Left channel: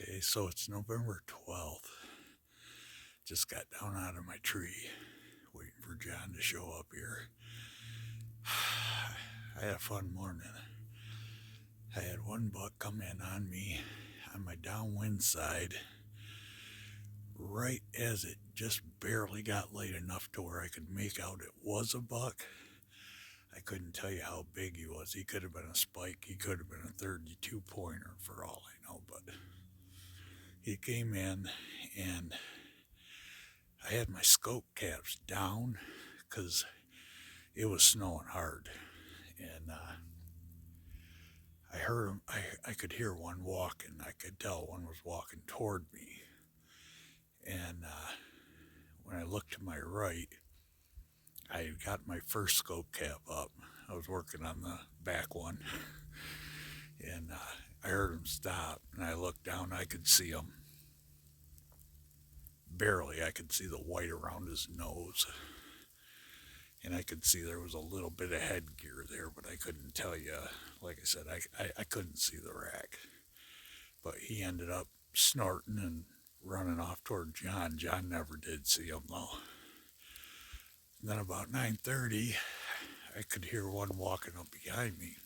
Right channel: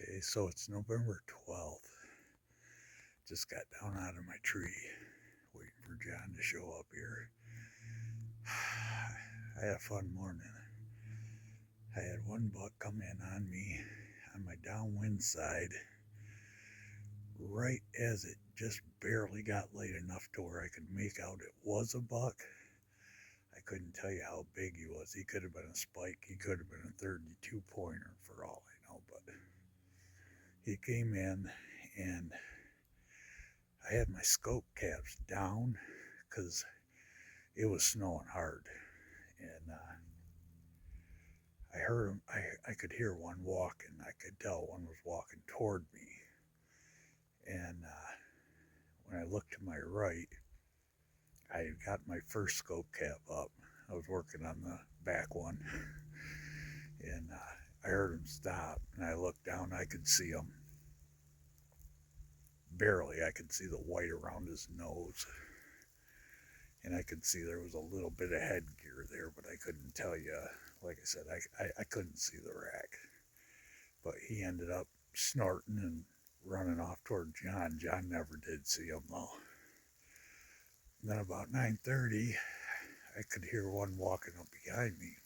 Okay, so it's November 12th. Just got down out of my tree, waiting for John to show up here. I had a fun morning. I had one buck come in on me on my downwind side right as it just barely got late enough to where I could make out it was a buck. I couldn't tell you how big he was. He could have been a spike. He could have been a 32 pointer for all I know, but he came in and I had my scope caps down because it was snowing hard. And I heard him, I could hear one walking. I could tell one was walking toward me. And when I looked to my right, I had got my first scope cap up. I was working on the back one. And I heard him stop. And I looked down, I could see him. Barely, I could see the white around his nose. And I could see there was a little bit of headgear there, but I couldn't tell you. Like I said, I couldn't see the rack. But he ended up snorting and running off toward John. John never did see him, though. And then about 9:30, I could hear one walking up behind me.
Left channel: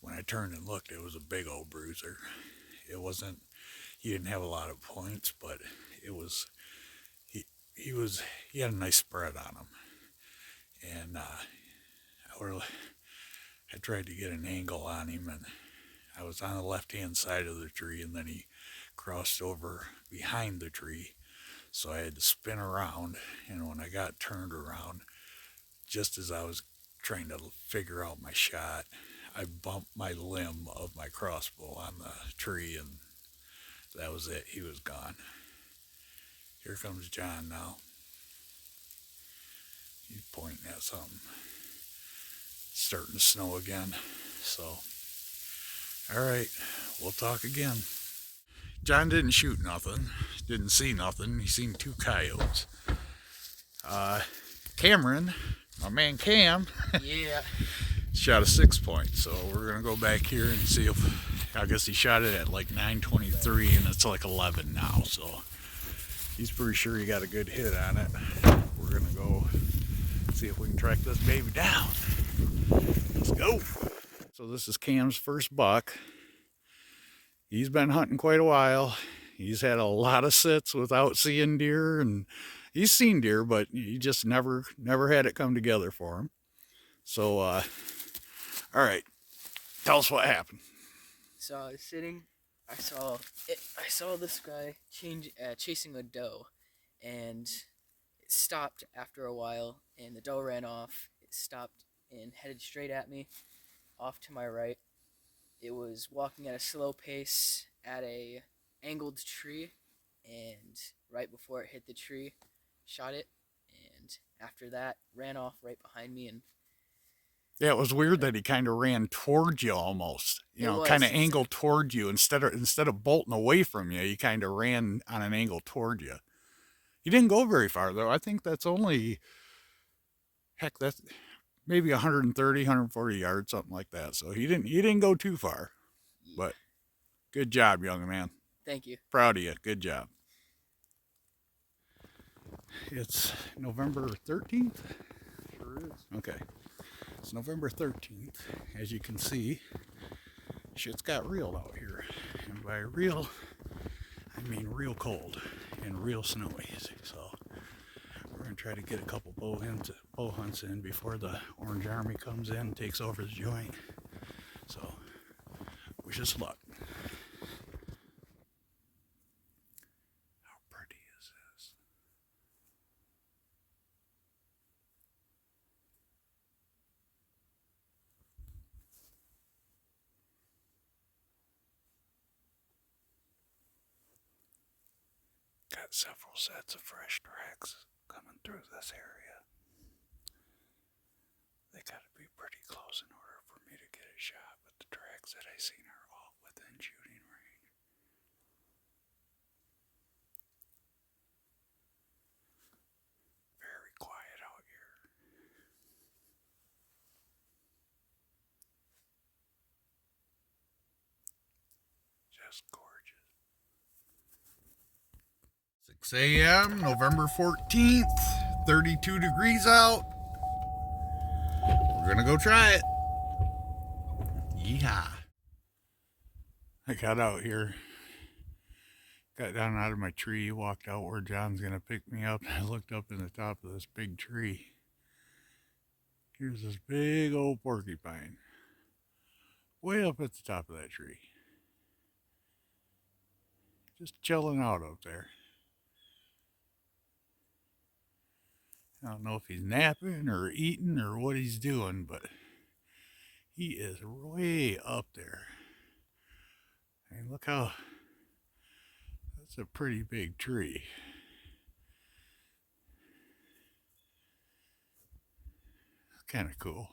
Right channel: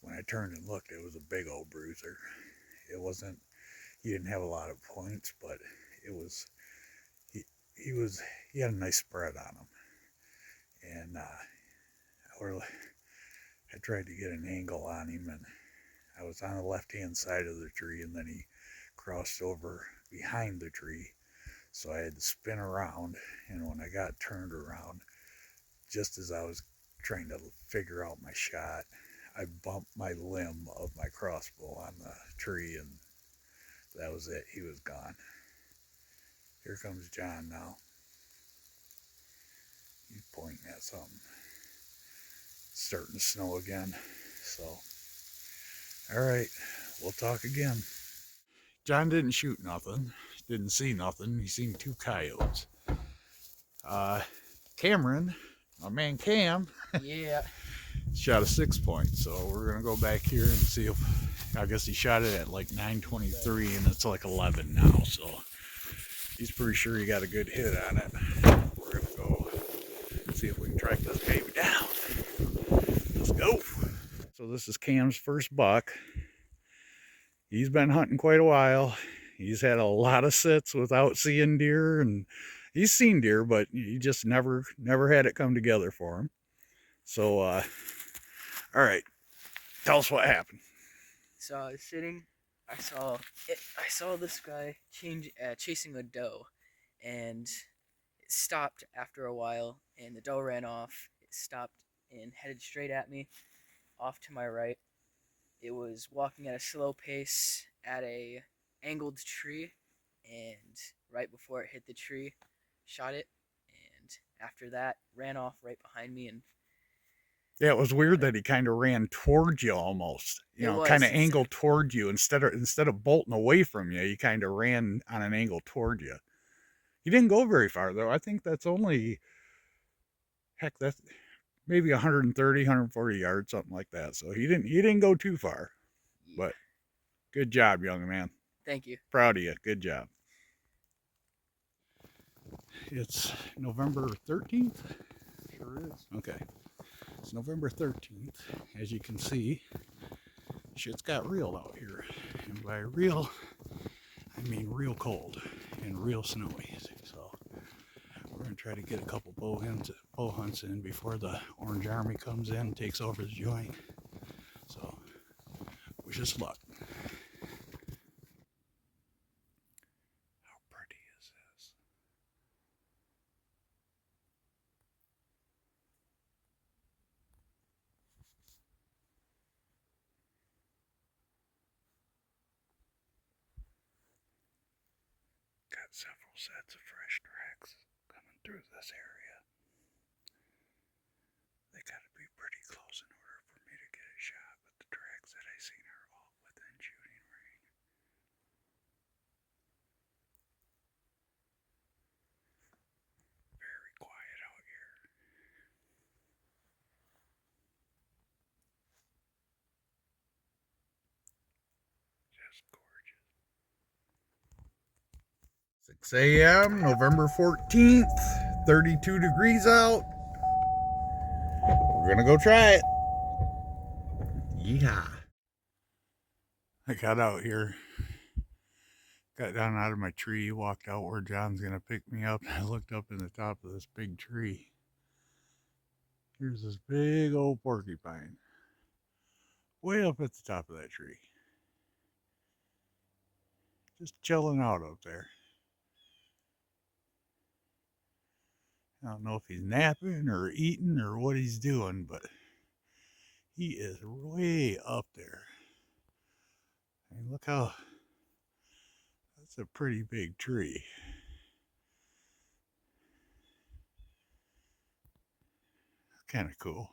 When I turned and looked, it was a big old bruiser. It wasn't, he didn't have a lot of points, but it was, he had a nice spread on him. And I tried to get an angle on him, and I was on the left-hand side of the tree, and then he crossed over behind the tree. So I had to spin around, and when I got turned around, just as I was trying to figure out my shot, I bumped my limb of my crossbow on the tree, and that was it. He was gone. Here comes John now. He's pointing at something. It's starting to snow again. So, all right, we'll talk again. John didn't shoot nothing. Didn't see nothing. He seen two coyotes. Cameron, my man Cam, Yeah. shot a 6-point. So we're gonna go back here and see if, I guess he shot it at like 9:23, and it's like 11 now. So he's pretty sure he got a good hit on it. We're gonna go see if we can track this baby down. Let's go. So this is Cam's first buck. He's been hunting quite a while. He's had a lot of sits without seeing deer, and he's seen deer, but he just never had it come together for him. So, all right, tell us what happened. So I was sitting. I saw this guy chasing a doe, and it stopped after a while, and the doe ran off. It stopped and headed straight at me, off to my right. It was walking at a slow pace at a angled tree, and right before it hit the tree, shot it, and after that ran off right behind me. And Yeah, it was weird that he kind of ran towards you almost. You know, kind of angled toward you instead of bolting away from you. He kind of ran on an angle toward you. He didn't go very far though. I think that's only, heck, that's maybe 130, 140 yards, something like that. So he didn't go too far. Yeah. But good job, young man. Thank you. Proud of you. Good job. It's November 13th. Sure is. Okay. It's November 13th. As you can see, shit's got real out here. And by real, I mean real cold and real snowy. So we're going to try to get a couple bow hunts in before the Orange Army comes in and takes over the joint. So wish us luck. How pretty is this? Got several sets of fresh tracks coming through this area. They gotta be pretty close in order for me to get a shot, but the tracks that I seen are all within shooting range. Very quiet out here. Gorgeous, gorgeous. 6 a.m., November 14th, 32 degrees out. We're gonna go try it. Yeah. I got out here, got down out of my tree, walked out where John's gonna pick me up. I looked up in the top of this big tree. Here's this big old porcupine, way up at the top of that tree. Just chilling out up there. I don't know if he's napping or eating or what he's doing, but he is way up there. I mean, look how, that's a pretty big tree. Kind of cool.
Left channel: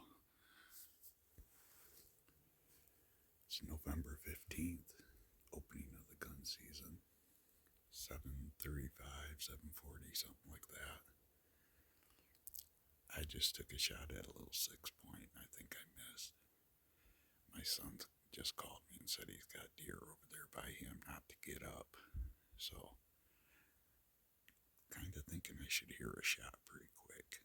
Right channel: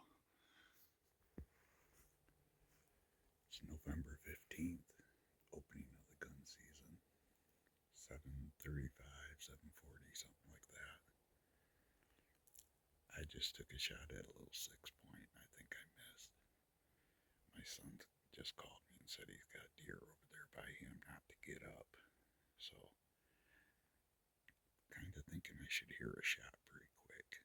It's November 15th, opening of the gun season. 7:35, 7:40, something like that. I just took a shot at a little 6-point. I think I missed. My son just called me and said he's got deer over there by him, not to get up. So, kind of thinking I should hear a shot pretty quick.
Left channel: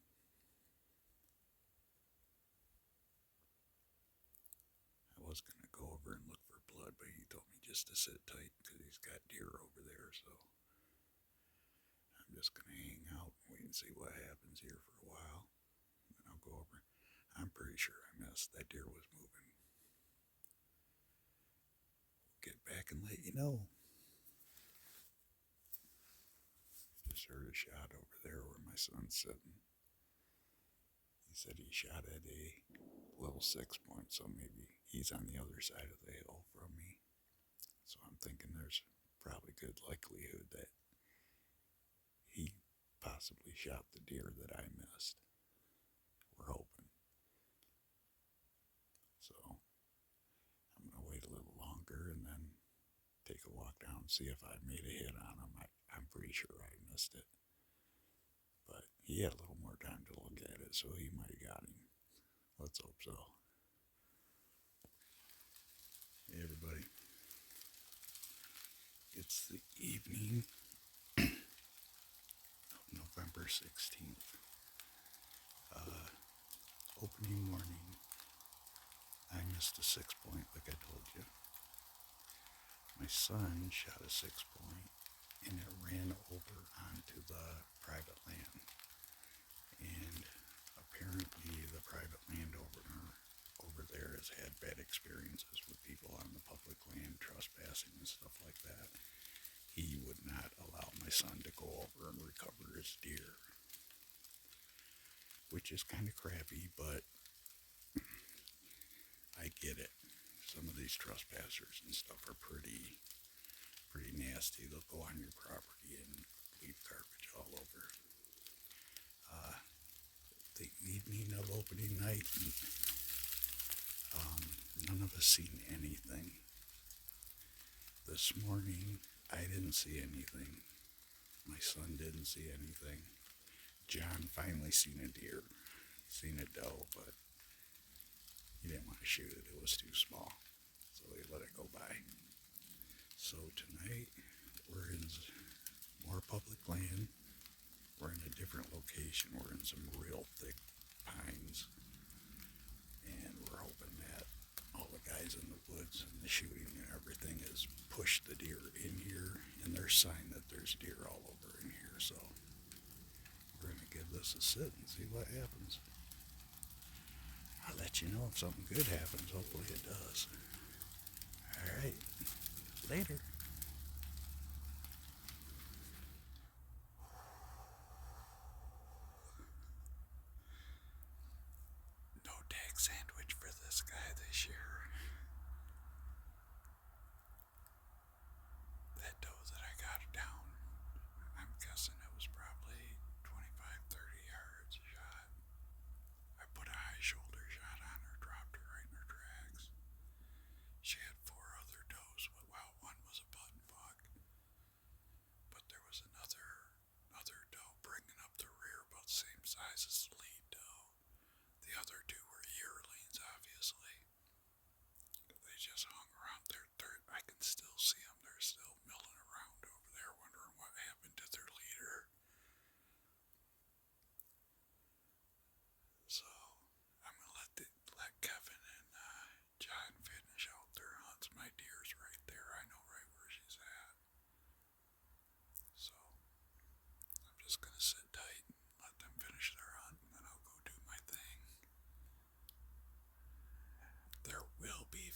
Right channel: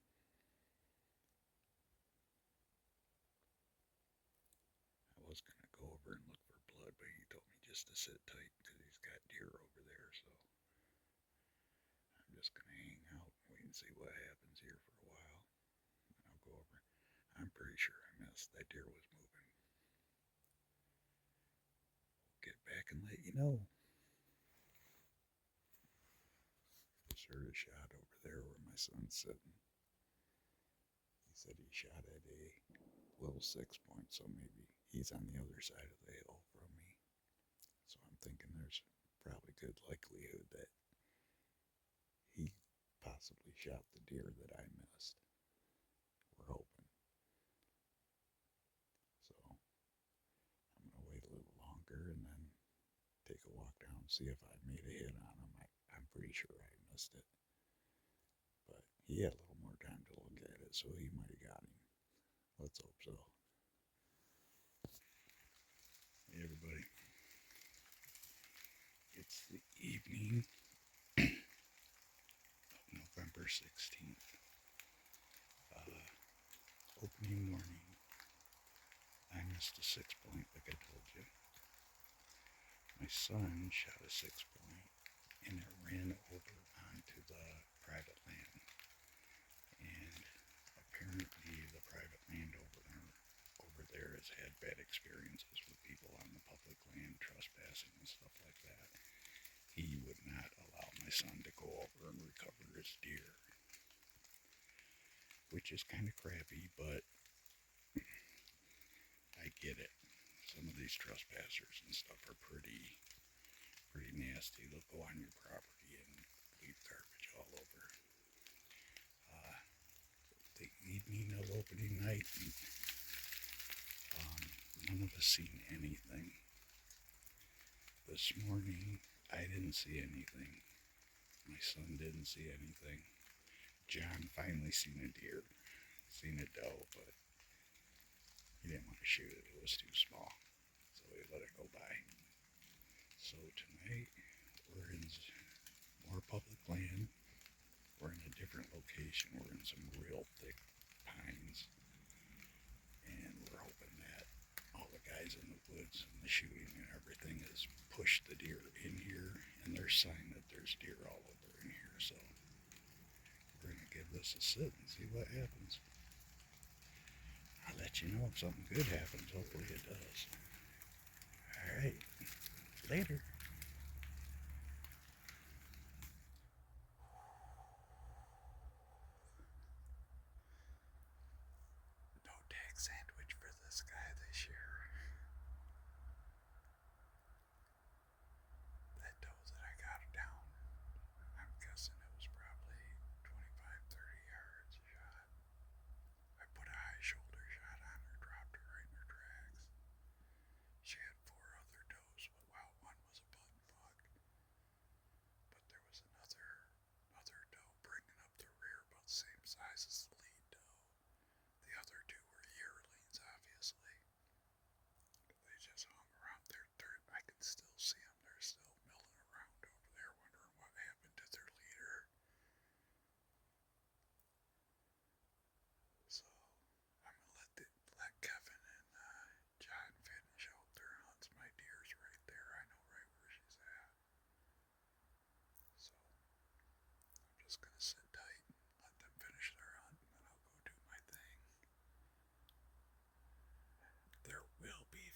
I was going to go over and look for blood, but he told me just to sit tight because he's got deer over there. So, I'm just going to hang out and wait and see what happens here for a while. And then I'll go over. I'm pretty sure I missed. That deer was moving. Get back and let you know. Just heard a shot over there where my son's sitting. He said he shot at a little 6-point, so maybe he's on the other side of the hill from me. So I'm thinking there's probably good likelihood that he possibly shot the deer that I missed. We're hoping. So I'm going to wait a little longer and then take a walk down and see if I made a hit on him. I'm pretty sure I missed it. But he had a little more time to look at it, so he might have got him. Let's hope so. Hey, everybody. It's the evening of November 16th. Opening morning. I missed a 6-point, like I told you. My son shot a 6-point, and it ran over onto the private land. And apparently the private landowner over there has had bad experiences with people on the public land trespassing and stuff like that. He would not allow my son to go over and recover his deer, which is kind of crappy, but I get it. Some of these trespassers and stuff are pretty nasty. They'll go on your property and leave garbage all over. The evening of opening night, none of us seen anything. This morning, I didn't see anything. My son didn't see anything. John finally seen a deer, seen a doe, but he didn't want to shoot it. It was too small, so he let it go by. So tonight, we're in more public land. We're in a different location. We're in some real thick pines, and we're hoping that all the guys in the woods and the shooting and everything has pushed the deer in here, and there's sign that there's deer all over in here. So we're gonna give this a sit and see what happens. I'll let you know if something good happens. Hopefully it does. All right, later. No tag sandwich for this guy this year. That doe that I got down, I'm guessing it was probably 25, 30 yards shot. I put a high shoulder shot on her, dropped her right in her tracks. She had 4 other does, but while one was a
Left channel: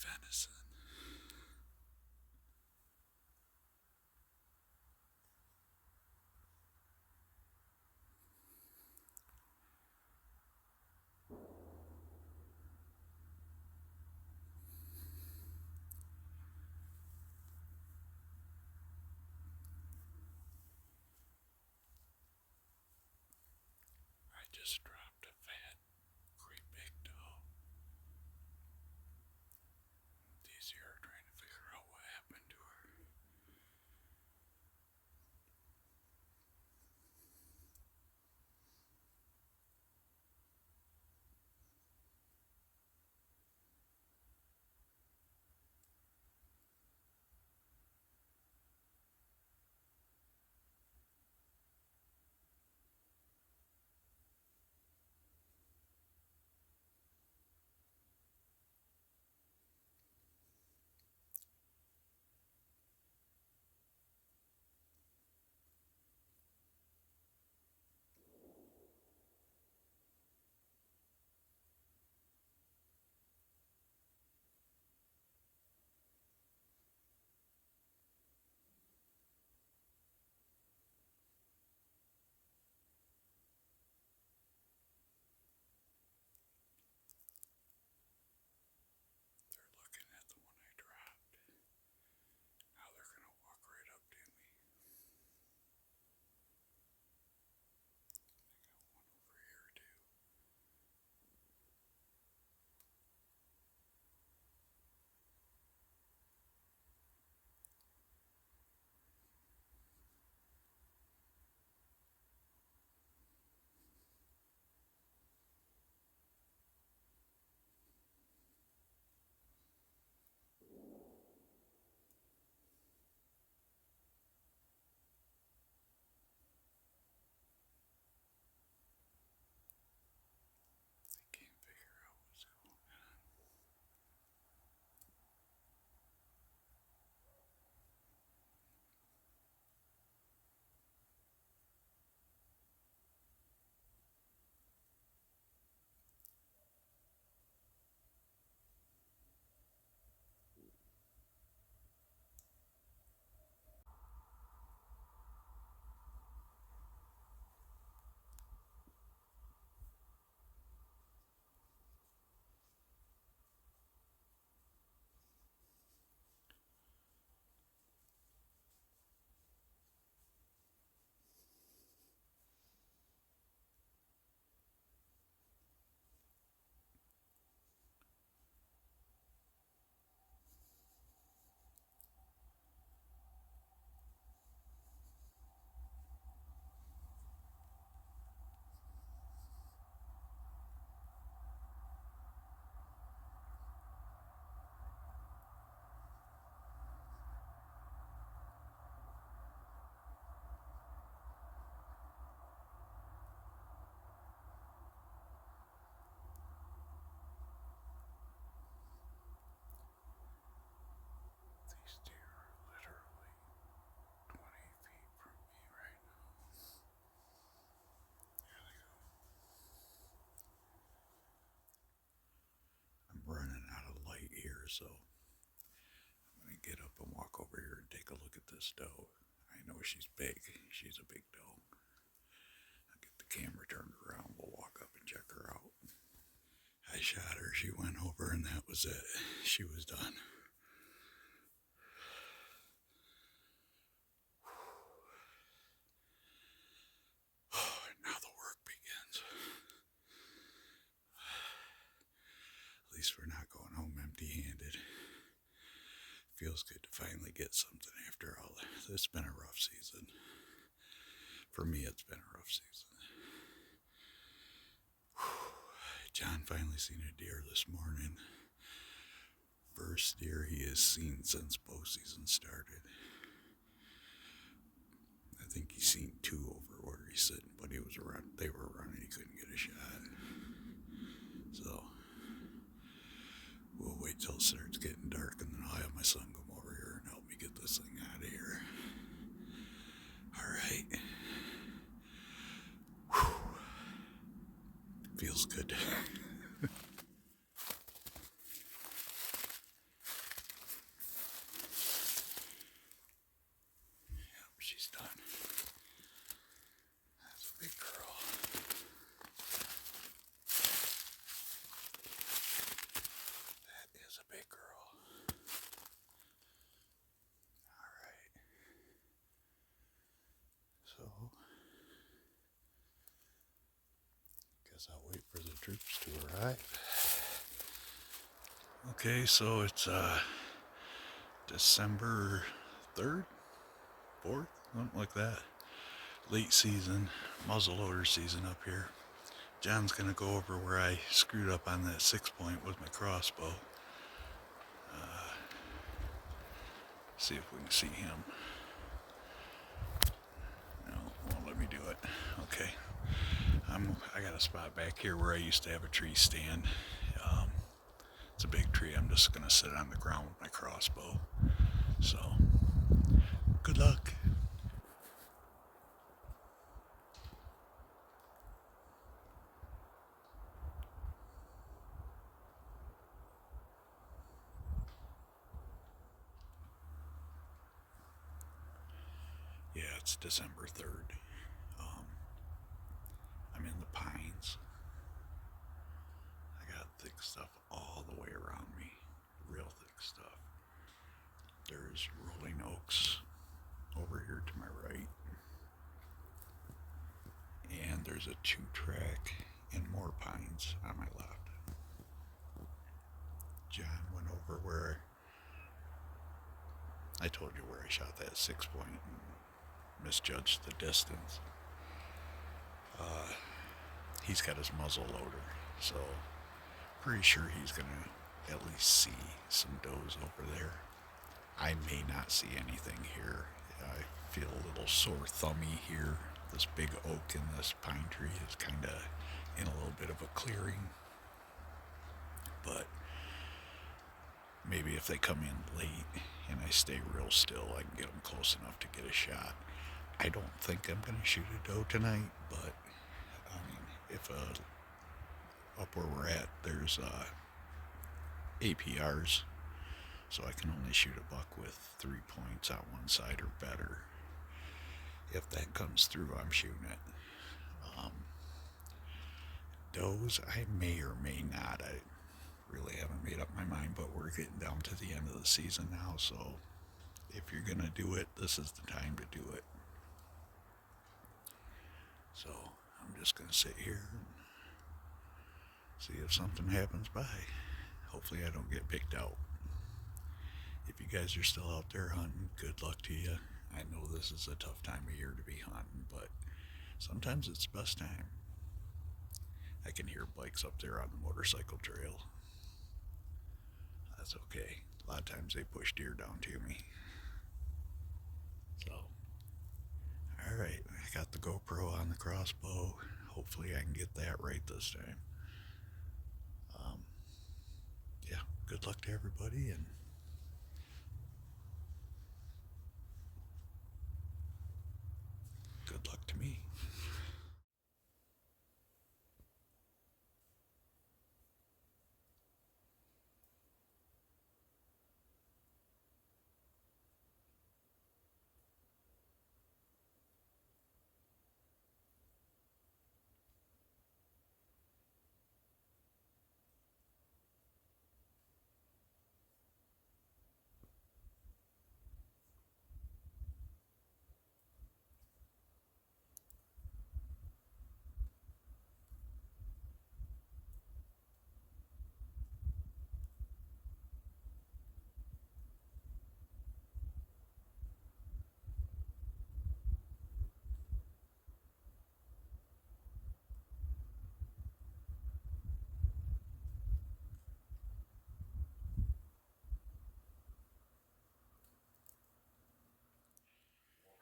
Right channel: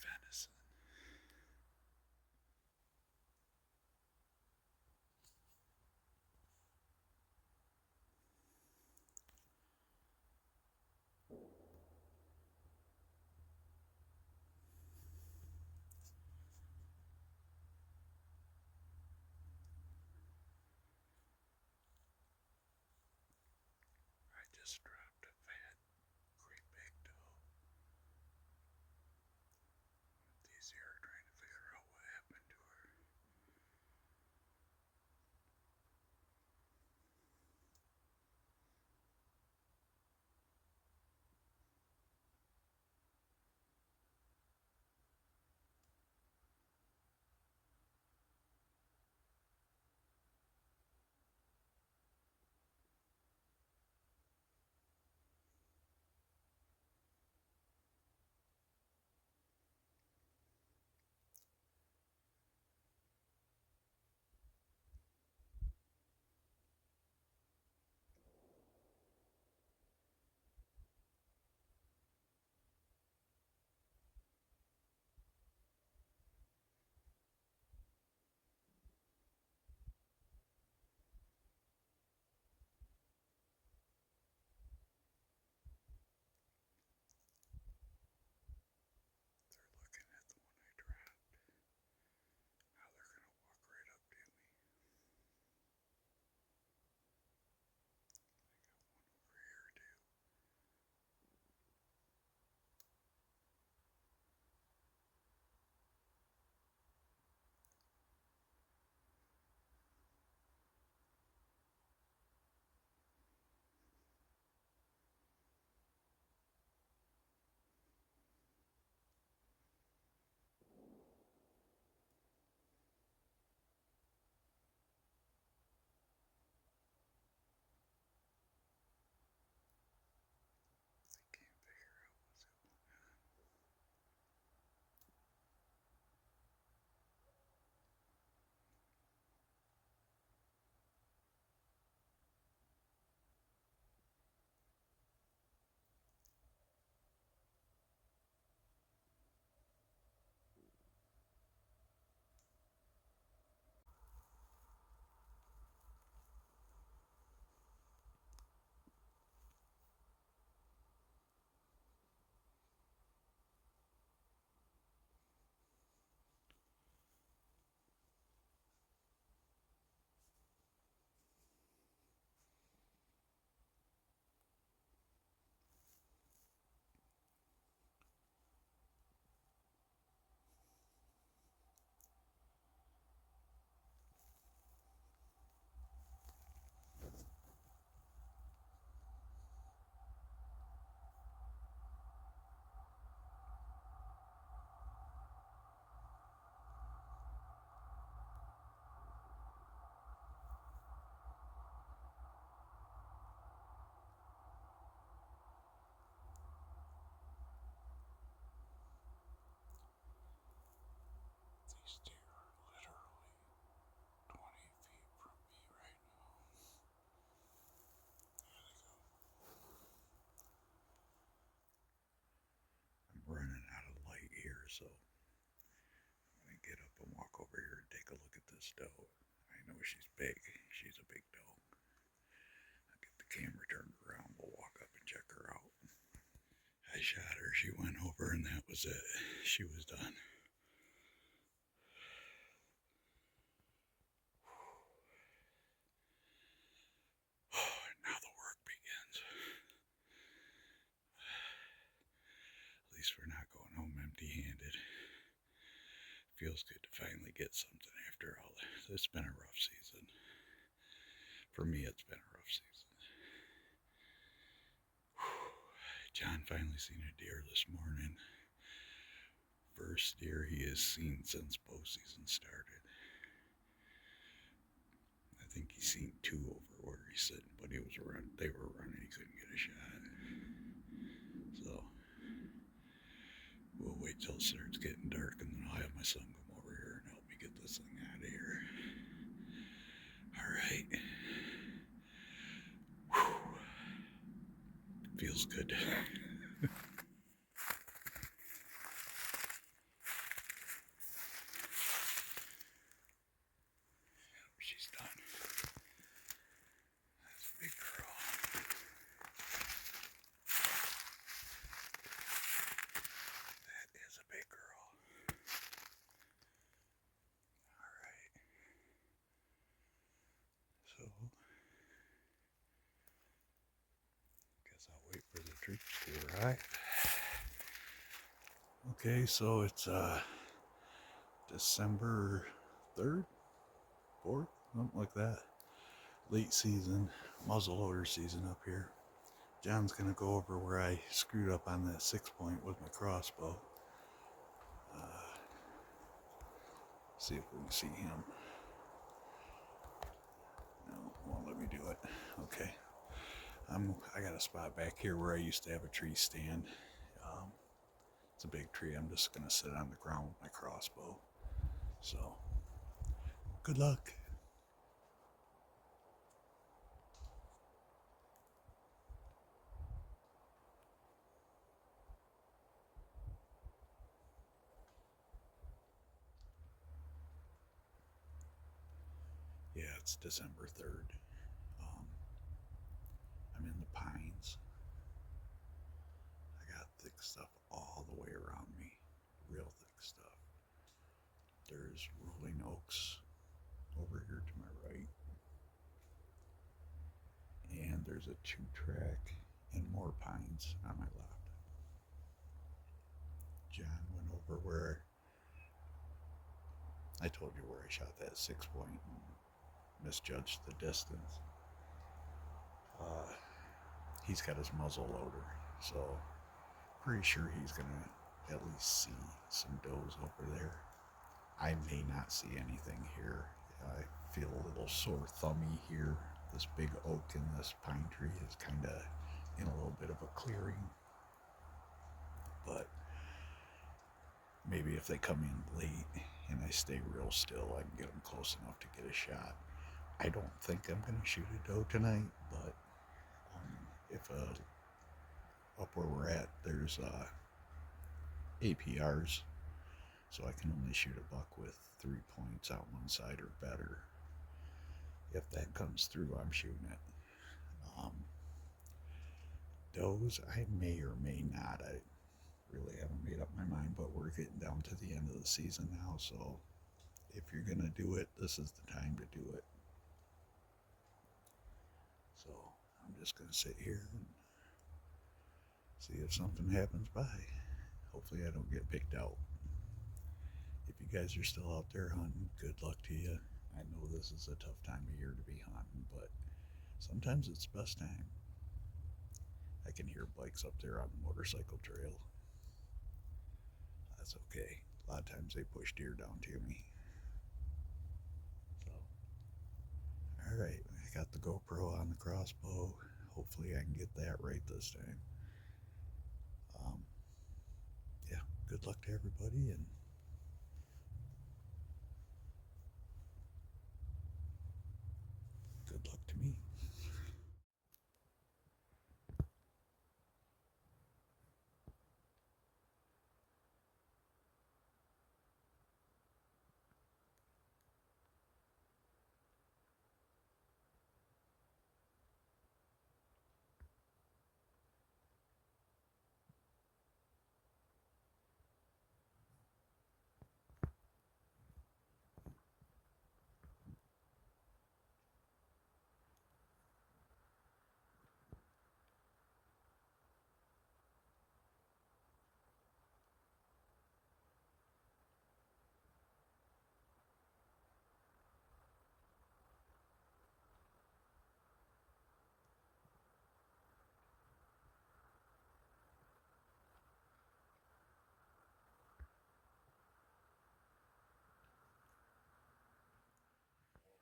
venison. I just dropped a fat, great big doe. These here are trying to figure out what happened to her. They're looking at the one I dropped. Now they're going to walk right up to me. I got one over here too. They can't figure out what's going on. These deer are literally 20 feet from me right now. There they go. I'm running out of light here, so I'm going to get up and walk over here and take a look at this doe. I know she's big. She's a big doe. I'll get the camera turned around. We'll walk up and check her out. I shot her. She went over, and that was it. She was done. Now the work begins. At least we're not going home empty-handed. Feels good to finally get something after all. It's been a rough season. For me, it's been a rough season. John finally seen a deer this morning. First deer he has seen since bow season started. I think he's seen two over where he's sitting, but he was around. They were running. He couldn't get a shot. So we'll wait till it starts getting dark, and then I'll have my son come over here and help me get this thing out of here. All right. Whew. Feels good. street to arrive. Okay, so it's December 3rd, 4th, something like that. Late season, muzzleloader season up here. John's gonna go over where I screwed up on that 6-point with my crossbow. See if we can see him. No, won't let me do it. Okay. I got a spot back here where I used to have a tree stand. It's a big tree. I'm just gonna sit on the ground with my crossbow. So, good luck. Yeah, it's December 3rd. I'm in the pines. I got thick stuff all the way around me. Real thick stuff. There's rolling oaks over here to my right. And there's a 2-track and more pines on my left. John went over where I told you where I shot that 6-point and misjudged the distance. He's got his muzzle loader, so pretty sure he's gonna at least see some does over there. I may not see anything here. I feel a little sore thummy here. This big oak and this pine tree is kind of in a little bit of a clearing. But maybe if they come in late and I stay real still, I can get them close enough to get a shot. I don't think I'm going to shoot a doe tonight, but I mean, if up where we're at, there's APRs, so I can only shoot a buck with 3 points on one side or better. If that comes through, I'm shooting it. Does I may or may not. I really haven't made up my mind, but we're getting down to the end of the season now, so if you're going to do it, this is the time to do it. So I'm just going to sit here and see if something happens by. Hopefully I don't get picked out. If you guys are still out there hunting, good luck to you. I know this is a tough time of year to be hunting, but sometimes it's the best time. I can hear bikes up there on the motorcycle trail. That's okay. A lot of times they push deer down to me. So, alright, I got the GoPro on the crossbow. Hopefully I can get that right this time. Yeah, good luck to everybody, and good luck to me.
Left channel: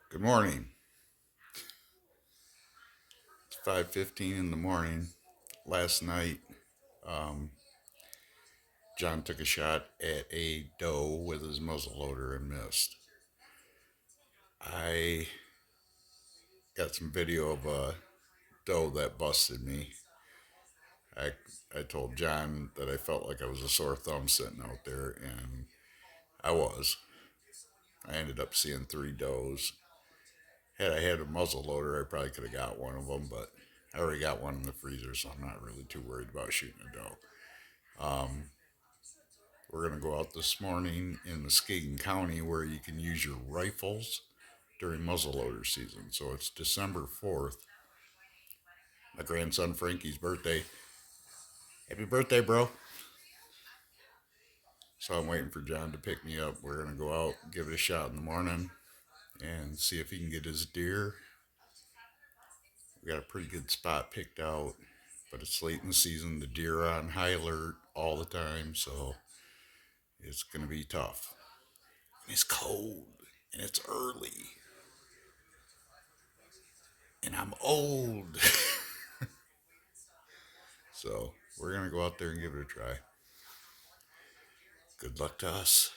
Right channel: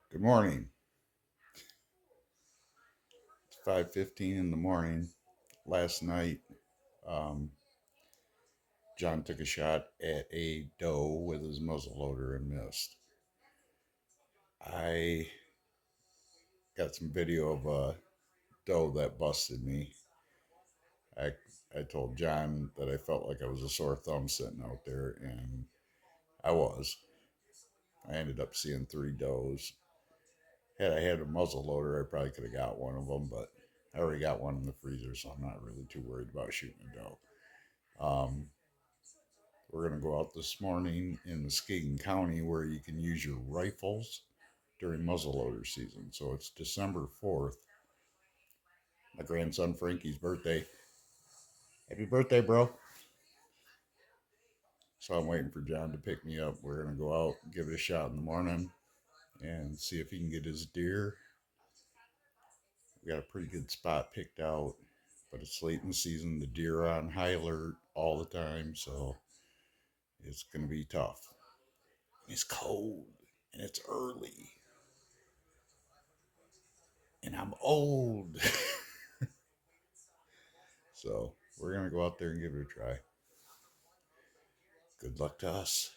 Good morning. It's 5:15 in the morning. Last night, John took a shot at a doe with his muzzleloader and missed. I got some video of a doe that busted me. I I told John that I felt like I was a sore thumb sitting out there, and I was. I ended up seeing 3 does. Had I had a muzzle loader, I probably could have got one of them, but I already got one in the freezer, so I'm not really too worried about shooting a doe. We're going to go out this morning in Muskegon County where you can use your rifles during muzzleloader season. So it's December 4th, my grandson Frankie's birthday. Happy birthday, bro. So I'm waiting for John to pick me up. We're going to go out, give it a shot in the morning, and see if he can get his deer. We got a pretty good spot picked out, but it's late in the season. The deer are on high alert all the time, so it's going to be tough. And it's cold, and it's early, and I'm old. So we're going to go out there and give it a try. Good luck to us.